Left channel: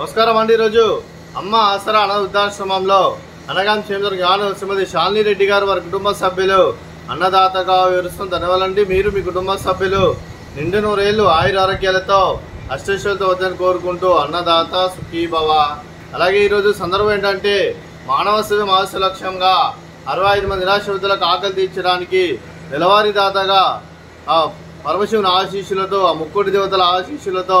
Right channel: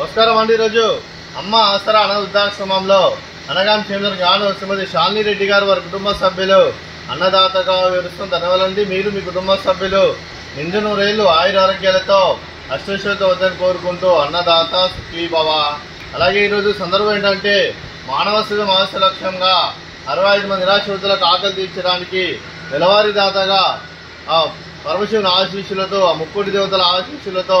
నమస్కారం అండి. ఈరోజు అమ్మ ఆసరా అనాథ వృద్ధాశ్రమంలో అనగాం చేంద్ర గాను శ్రీమతి శాలిని రెడ్డి గారు వారి కుటుంబ సభ్యులు అన్నదాతగా వివరిస్తున్న ధన్యవాదాలండి. మీరు మీ కుటుంబ సభ్యులు నిండు నూరేళ్లు ఆయుర ఆరోగ్యాలతో అష్టైశ్వర్యాలతో వద్దని కోరుకుంటూ అన్నదాత సుఖీ భవ. అలాగే ఈరోజు సందర్భం ఏంటంటే మానవ సేవ మహస్య లక్ష్యంగా 65 మంది నిరాశ్రితులకు ఆకలి తీర్చడానికి నెలవారీ దాతగా పరమశివుని ఆశీస్సులతో ముక్కోటి దేవతల ఆశీస్సులతో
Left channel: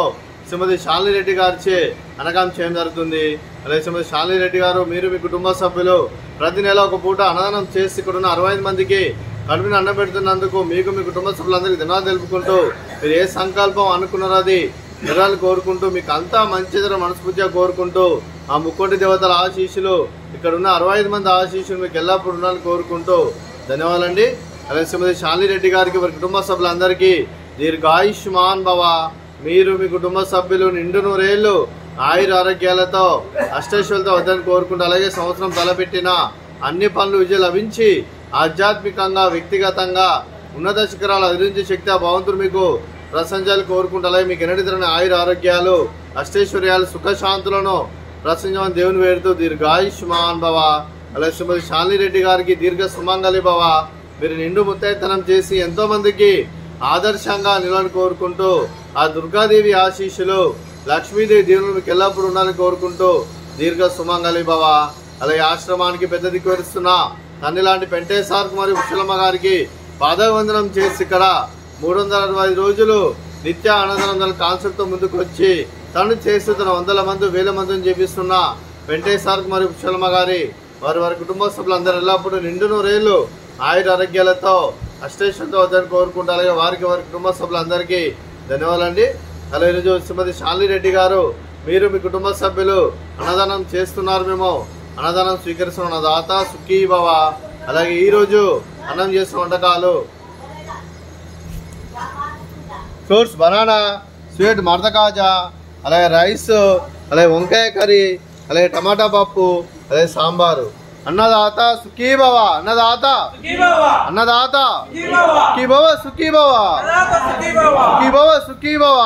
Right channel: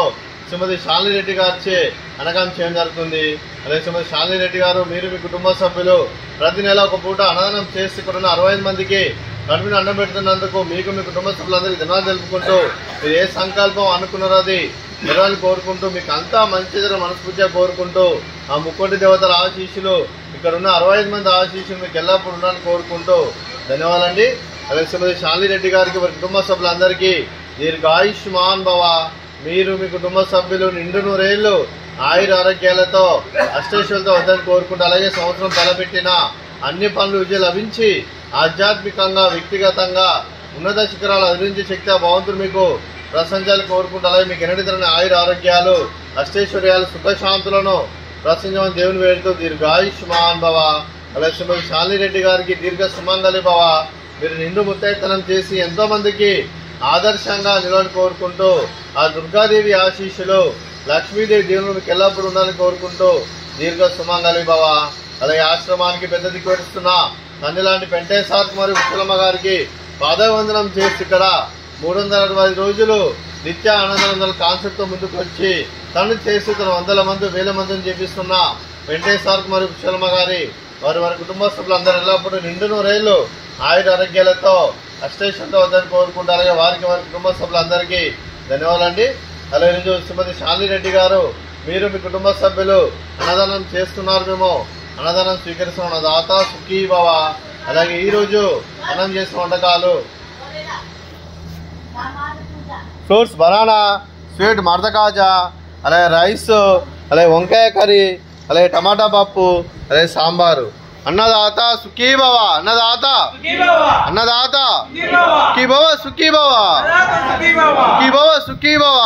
శ్రీమతి శాలిని రెడ్డి గారిచే అనగాం చేయడం జరుగుతుంది. అదే శ్రీమతి శాలిని రెడ్డి గారు మీరు మీ కుటుంబ సభ్యులు ప్రతి నెల ఒక పూట అన్నదానం చేసి ఇక్కడ ఉన్న 65 మందికి కడుపుని అన్నం పెడుతున్నందుకు మీకు మీ కుటుంబ సభ్యులందరికీ ధన్యవాదాలు తెలుపుకుంటూ మీరు ఏ సంకల్పం అనుకున్నారో అది నెరవేరాలని కోరుకుంటూ మీకు అంతా మంచి మనస్ఫూర్తిగా కోరుకుంటూ ఆ ముక్కోటి దేవతల ఆశీస్సులు ఇక్కడ ఉన్న 65 మంది ఆశీస్సులు మీకు ఎల్లప్పుడూ ఉండాలని కోరుకుంటూ ధన్యవాదాలండి. అలాగే శ్రీమతి శాలిని రెడ్డి గారికి వారి కుటుంబ సభ్యులందరికీ దీర్ఘాయుష్మాన్ భవ. మీరు మీ కుటుంబ సభ్యులు నిండు నూరేళ్లు ఆయుర ఆరోగ్యాలతో అష్టైశ్వర్యాలతో వద్దని కోరుకుంటూ అలాగే సంవత్సరం తలపెట్టిన అన్ని పనులు విజయం లభించి ఆధ్యాత్మికంగా వ్యక్తిగతంగా ఉన్నత శిఖరాలు అధిరించే శక్తి ఆ భగవంతుడు మీకు ప్రశంసాలు కోరుకుంటూ అలాగే మీకు ఎన్నటి తరని ఆయుర ఆరోగ్యాలు అష్టైశ్వర్యాలు సుఖశాంతులను ప్రశంసమని దేవుని వేడుతూ దీర్ఘాయుష్మాన్ భవ. అలాగే శ్రీమతి శాలిని రెడ్డి గారికి దీర్ఘ సుమంగళి భవ. మీరు నిండు ముత్తైతనం చేసి ఎంతో మందికి ఆదర్శంగా నిలవని కోరుకుంటూ ఆ దుర్గాదేవి ఆశీస్సులు లక్ష్మీదేవి దేవుని మీకు ఎల్లప్పుడూ ఉండాలని కోరుకుంటూ దీర్ఘ సుమంగళి భవ. అలాగే ఆశ్రమానికి పెద్ద దిక్కువరుస్తున్న నన్ను లాంటి పెంటేశ్వర్ మరియు విశ్వలమ్మ గారికి పాదవందనం చేసి ఇక్కడ 365 రోజులు నిత్య ఆనందనందన కాన్సెప్ట్తో ముందుకు వచ్చి తను చేసి తన 100 మంది 1000 మందిని చేపిస్తున్న పెంటేశ్వర్ మరియు విశ్వలమ్మ గారి వారి కుటుంబ సభ్యులందరూ ఎల్లప్పుడూ నిండు నూరేళ్లు ఆయుర ఆరోగ్యాలతో అష్టైశ్వర్యంతో వద్దని కోరుకుంటూ అలాగే వారి కుటుంబ సభ్యులందరికీ ధన్యవాదాలండి. అలాగే ఈరోజు శ్రీమతి శాలిని రెడ్డి గారు మీరు మీ కుటుంబ సభ్యులు అన్నదానం చేస్తున్నారు. మేము అన్నదానం స్వీకరిస్తున్న దాత సుఖీ భవ. అలాగే ఈరోజు అన్నం చేసిన వంటకాలు ఫ్రూట్స్ బనానా స్వీట్ మర్దకాజా అలాగే రైస్ అలాగే వంకాయ కర్రీ అలాగే టమాటా పప్పు అలాగే సాంబారు. అన్నదాత సుఖీ భవ. అన్నదాత అన్నదాత సుఖీ భవ సుఖీ భవ సుఖీ భవ సుఖీ భవ.